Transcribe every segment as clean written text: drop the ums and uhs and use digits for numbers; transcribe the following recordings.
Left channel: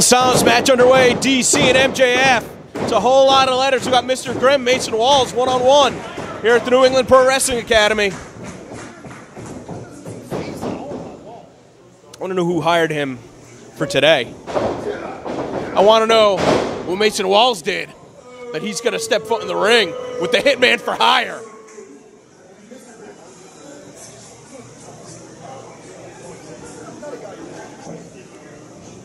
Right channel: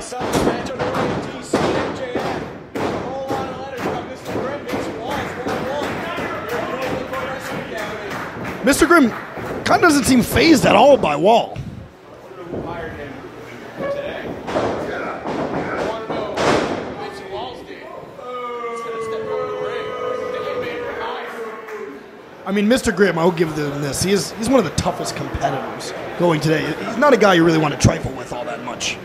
Bell sounds, match underway, DC and MJF. It's a whole lot of letters. We got Mr. Grimm, Mason Walls, one-on-one here at the New England Pro Wrestling Academy. Mr. Grimm kind of doesn't seem phased at all by Wall. I want to know who hired him for today. I want to know what Mason Walls did, that he's going to step foot in the ring with the Hitman for hire. I mean, Mr. Grimm, I'll give him this. He's one of the toughest competitors going today. He's not a guy you really want to trifle with all that much.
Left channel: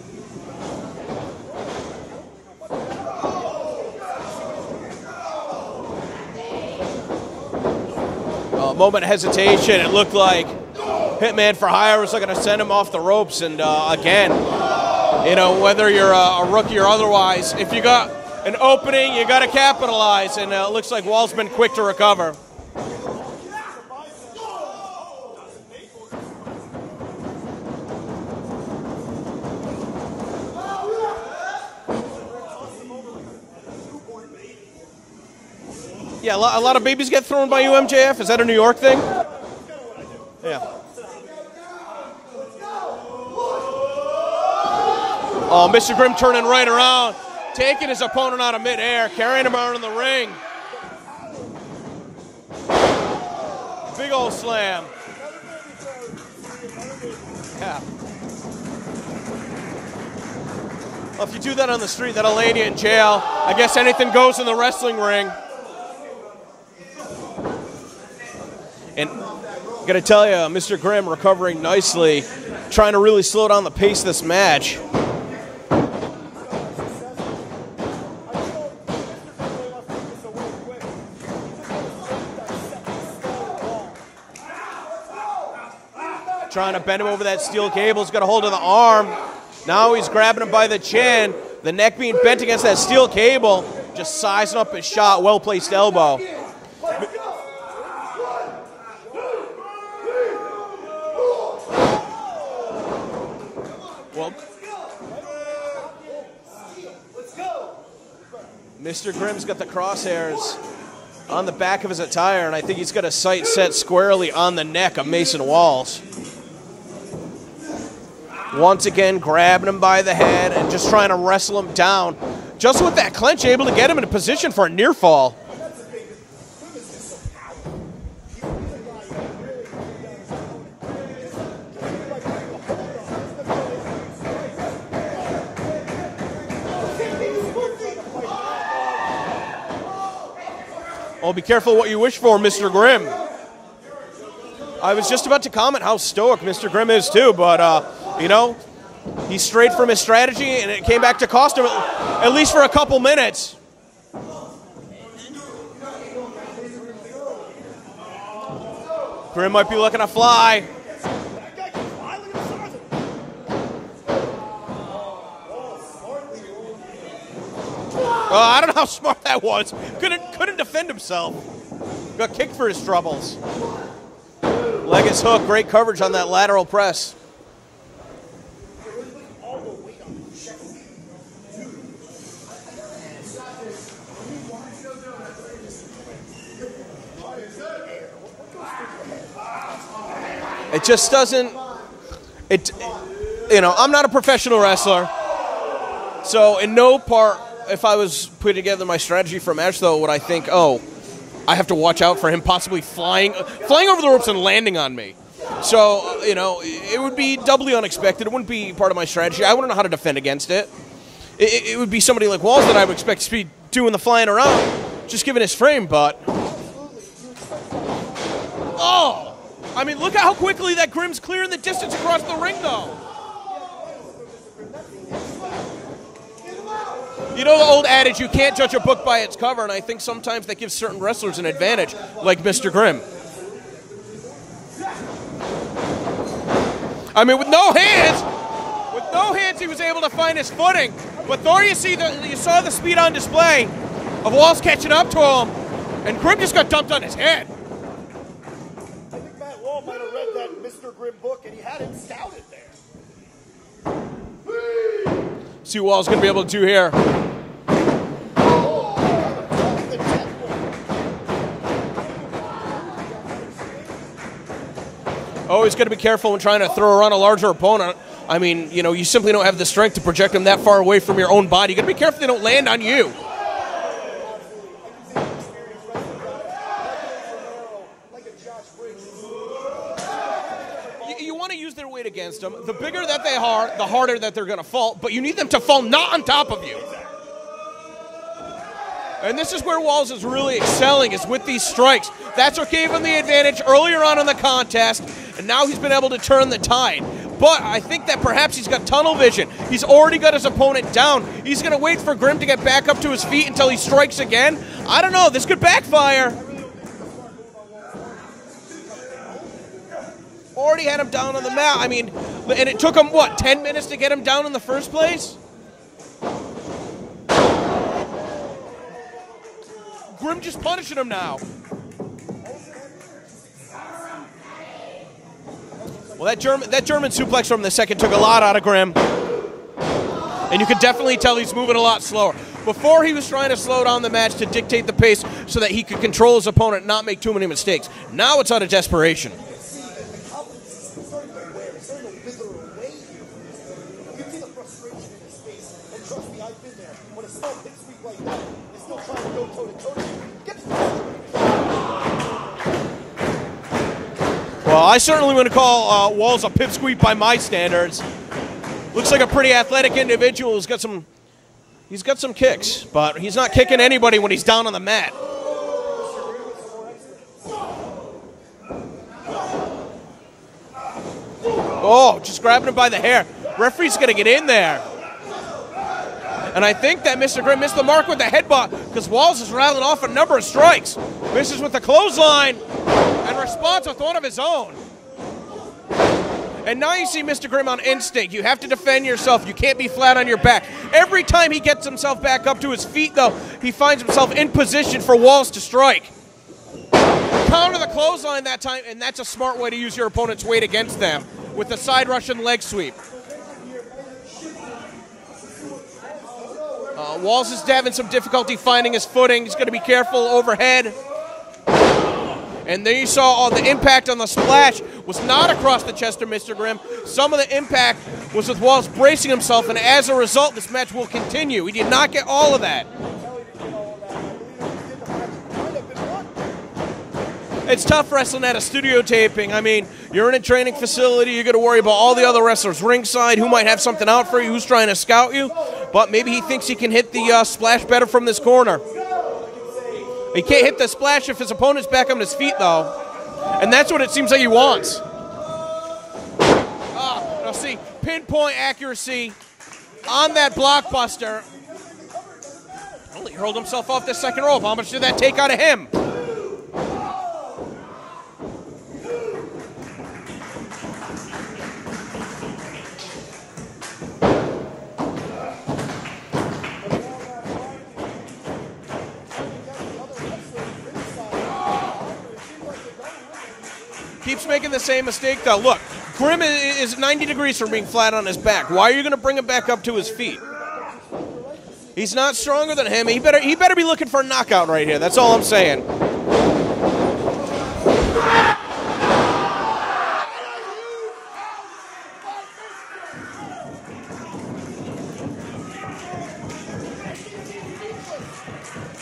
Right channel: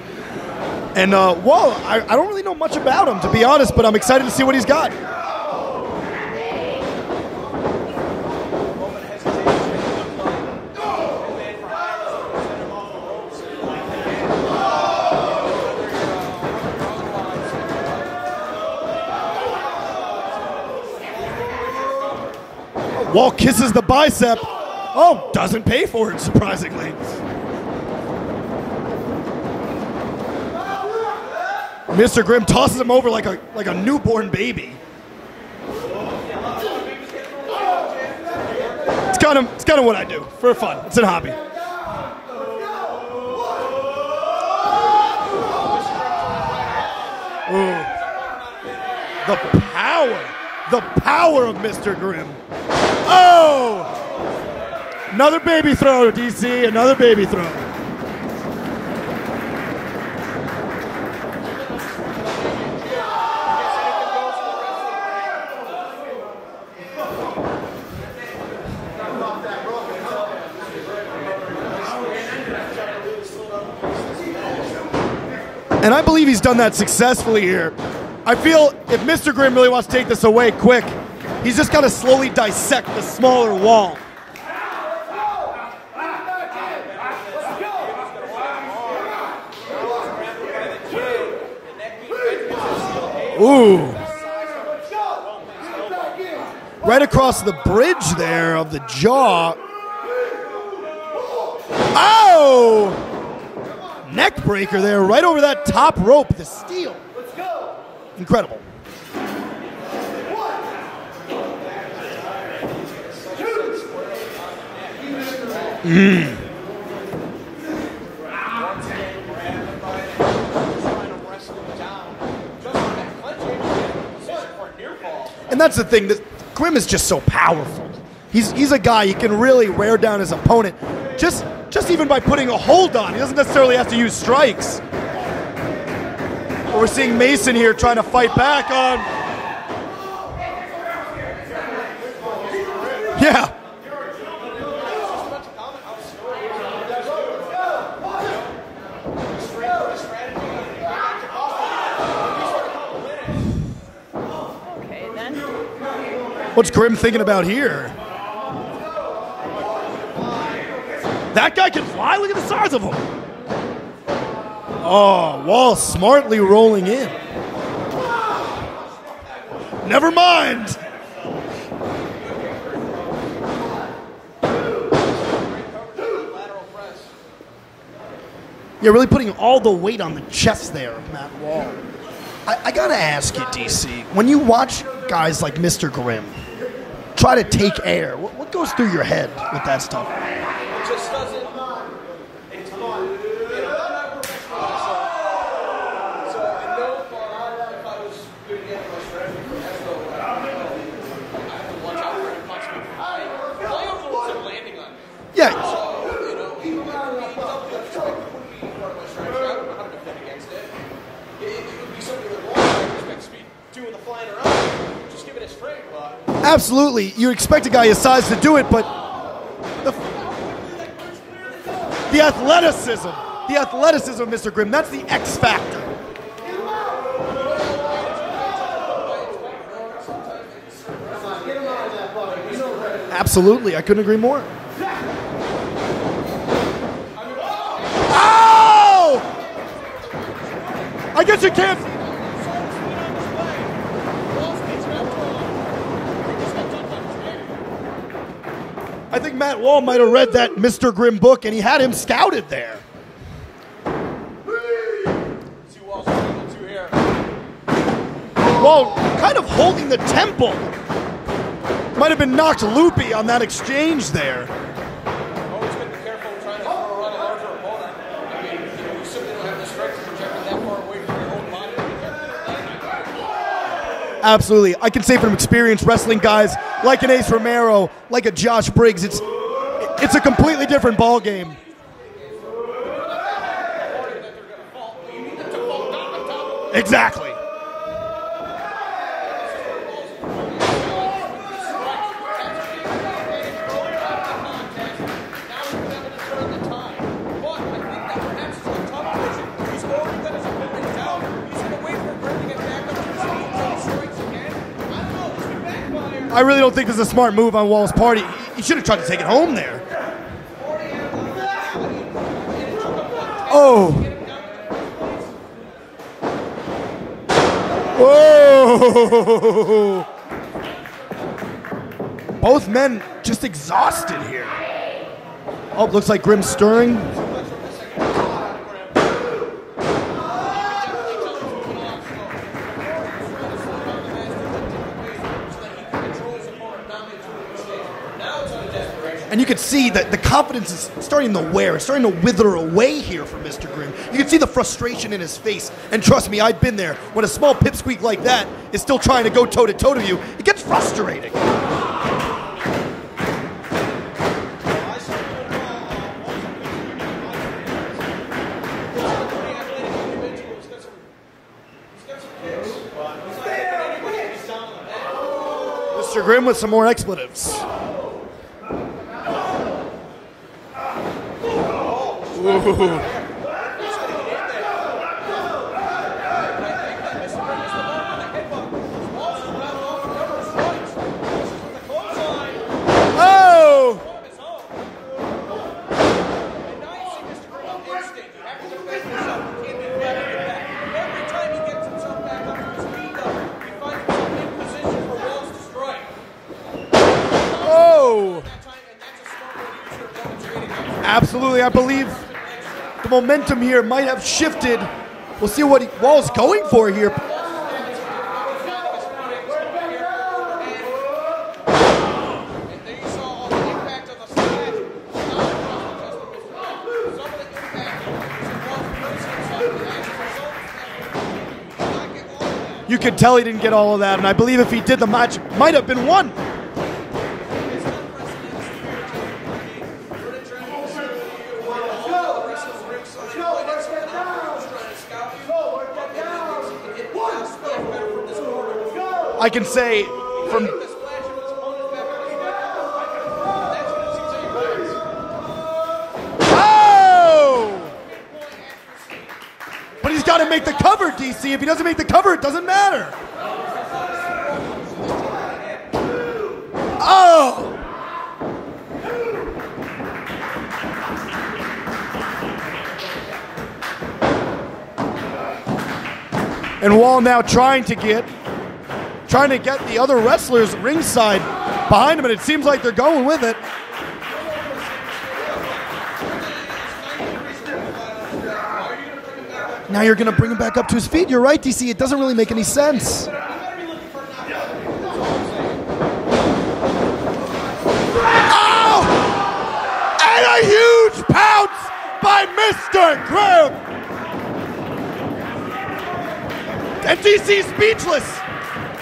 And Wall, I don't really know much about him, to be honest, but I'm excited to see what he's got. Moment of hesitation. It looked like Hitman for hire was looking to send him off the ropes. And again, you know, whether you're a rookie or otherwise, if you got an opening, you got to capitalize. And it looks like Wall's been quick to recover. Wall kisses the bicep. Oh, doesn't pay for it, surprisingly. Mr. Grimm tosses him over like a newborn baby. Yeah, a lot of babies get thrown by you, MJF. Is that a New York thing? It's kind of what I do for fun. It's a hobby. Oh, Mr. Grimm turning right around, taking his opponent out of midair, carrying him around the ring. The power of Mr. Grimm. Oh! Big old slam. Another baby throw, DC. Another baby throw. Well, if you do that on the street, that'll land you in jail. I guess anything goes in the wrestling ring. And I gotta tell you, Mr. Grimm recovering nicely, trying to really slow down the pace of this match. And I believe he's done that successfully here. I feel if Mr. Grimm really wants to take this away quick, he's just got to slowly dissect the smaller Wall. Trying to bend him over that steel cable. He's got a hold of the arm. Now he's grabbing him by the chin. The neck being bent against that steel cable. Ooh. Just sizing up his shot. Well-placed elbow. Right across the bridge there of the jaw. Oh! Neck breaker there, right over that top rope, the steel. Let's go. Incredible. Mr. Grimm's got the crosshairs on the back of his attire, and I think he's got a sight set squarely on the neck of Mason Walls. Once again, grabbing him by the head and just trying to wrestle him down. Just with that clench, able to get him in a position for a near fall. And that's the thing, that Grimm is just so powerful. He's a guy, he can really wear down his opponent. Just even by putting a hold on. He doesn't necessarily have to use strikes. We're seeing Mason here trying to fight back on. Well, be careful what you wish for, Mr. Grimm. Yeah. I was just about to comment how stoic Mr. Grimm is too, but you know, he strayed from his strategy and it came back to cost him at least for a couple minutes. Okay, then. What's Grimm thinking about here? Grimm might be looking to fly. That guy can fly? Look at the size of him. Oh, Wall smartly rolling in. I don't know how smart that was. Never mind. Defend himself. Got kicked for his troubles. Leggings hook, great coverage on that lateral press. You're really putting all the weight on the chest there of Matt Wall. I gotta ask you, DC, when you watch guys like Mr. Grimm try to take air, what goes through your head with that stuff? It just doesn't, you know, I'm not a professional wrestler, so in no part, if I was putting together my strategy for a match, though, would I think, oh, I have to watch out for him possibly flying over the ropes and landing on me. Yeah. So, you know, it would be doubly unexpected. It wouldn't be part of my strategy. I wouldn't know how to defend against it. It would be somebody like Walls that I would expect to be doing the flying around, just given his frame, but... Absolutely. You expect a guy his size to do it, but... Oh! I mean, look at how quickly that Grimm's clearing the distance across the the athleticism. The athleticism of Mr. Grimm, that's the X factor. You know the old adage, you can't judge a book by its cover, and I think sometimes that gives certain wrestlers an advantage, like Mr. Grimm. Absolutely. I couldn't agree more. I mean, with no hands... Oh! No hands, he was able to find his footing. I guess you saw the speed on display of Walls catching up to him, and Grimm just got dumped on his head. I think Matt Wall might have read that Mr. Grimm book, and he had him scouted there. See what Wall's going to be able to do here. Wall kind of holding the temple. Might have been knocked loopy on that exchange there. Always got to be careful when trying to throw around a larger opponent. I mean, you know, you simply don't have the strength to project them that far away from your own body. You got to be careful they don't land on you. Absolutely. I can say from experience wrestling guys like an Ace Romero, like a Josh Briggs, it's a completely different ball game. You want to use their weight against them. The bigger that they are, the harder that they're going to fall. But you need them to fall not on top of you. Exactly. And this is where Walls is really excelling, is with these strikes. That's what gave him the advantage earlier on in the contest, and now he's been able to turn the tide. But I think that perhaps he's got tunnel vision. He's already got his opponent down. He's going to wait for Grimm to get back up to his feet until he strikes again. I don't know. This could backfire. I really don't think this is a smart move on Wall's part. He should have tried to take it home there. Already had him down on the mat. I mean, and it took him, what, 10 minutes to get him down in the first place? Whoa! Grimm just punishing him now. Both men just exhausted here. Oh, looks like Grimm's stirring. That German suplex from the second took a lot out of Grimm. And you could definitely tell he's moving a lot slower. Before, he was trying to slow down the match to dictate the pace so that he could control his opponent and not make too many mistakes. Now it's out of desperation. And you can see that the confidence is starting to wear. It's starting to wither away here from Mr. Grimm. You can see the frustration in his face. And trust me, I've been there. When a small pipsqueak like that is still trying to go toe-to-toe to you, it gets frustrating. Well, I certainly wouldn't call Walls a pipsqueak by my standards. Looks like a pretty athletic individual who's got some... He's got some kicks, but he's not kicking anybody when he's down on the mat. Mr. Grimm with some more expletives. Oh, just grabbed him by the hair. Referee's going to get in there. And I think that Mr. Grimm missed the mark with the headbutt because Walls is rattling off a number of strikes. Misses with the clothesline. Oh! With one of his own. And now you see Mr. Grimm on instinct. You have to defend yourself. You can't be flat on your back. Every time he gets himself back up to his feet, though, he finds himself in position for Walls to strike. Counter the clothesline that time, and that's a smart way to use your opponent's weight against them. Absolutely, I believe. The side Russian leg sweep. The momentum here might have shifted. We'll see what Walls going for here. Walls is having some difficulty finding his footing. He's going to be careful overhead. And there you saw the impact on the splash was not across the chest of Mr. Grimm. Some of the impact was with Walls bracing himself, and as a result, this match will continue. He did not get all of that. You could tell he didn't get all of that, and I believe if he did, the match might have been won. It's tough wrestling at a studio taping. I mean, you're in a training facility, you're going to worry about all the other wrestlers ringside, who might have something out for you, who's trying to scout you, but maybe he thinks he can hit the splash better from this corner. I can say... He can't hit the splash if his opponent's back on his feet, though. And that's what it seems like he wants. Oh! We'll see pinpoint accuracy. But he's got to make the cover, DC. If he doesn't make the cover, it doesn't matter. Rolled himself off the second rope. How much did that take out of him? Oh! And Wall now trying to get the other wrestlers ringside behind him, and it seems like they're going with it. Keeps making the same mistake, though. Look, Grimm is 90 degrees from being flat on his back. Why are you going to bring him back up to his feet? Now you're going to bring him back up to his feet. You're right, DC. It doesn't really make any sense. He better be looking for a knockout right here. That's all I'm saying. Oh! And a huge pounce by Mr. Grimm. And DC's speechless.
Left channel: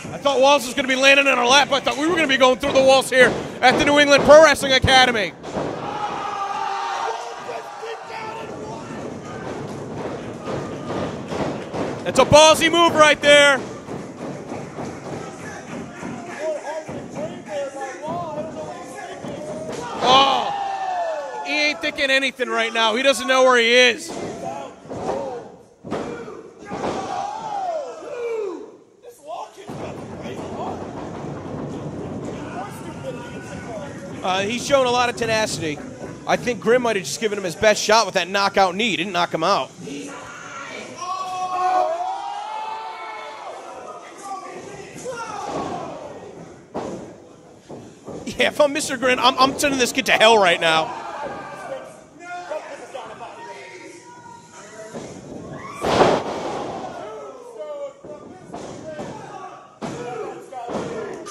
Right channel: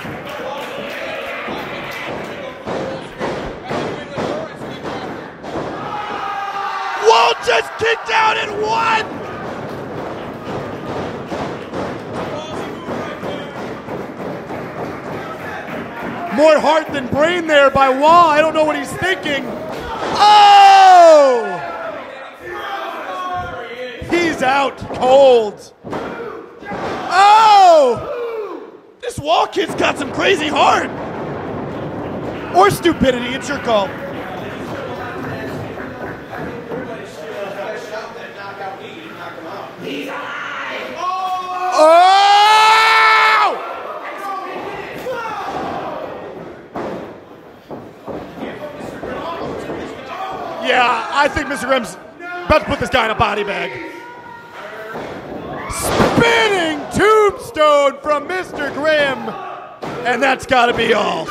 I thought Walls was going to be landing in our lap. I thought we were going to be going through the walls here at the New England Pro Wrestling Academy. Wall just kicked out and won. It's a ballsy move right there. More heart than brain there by Wall. I don't know what he's thinking. Oh! He ain't thinking anything right now. He doesn't know where he is. He's out cold. Oh! This Wall kid's got some crazy heart. Or stupidity, it's your call. He's shown a lot of tenacity. I think Grimm might have just given him his best shot with that knockout knee. He didn't knock him out. Oh! Yeah, if I'm Mr. Grimm, I'm sending this kid to hell right now. Yeah, I think Mr. Grimm's about to put this guy in a body bag. Spinning tombstone from Mr. Grimm. And that's got to be all.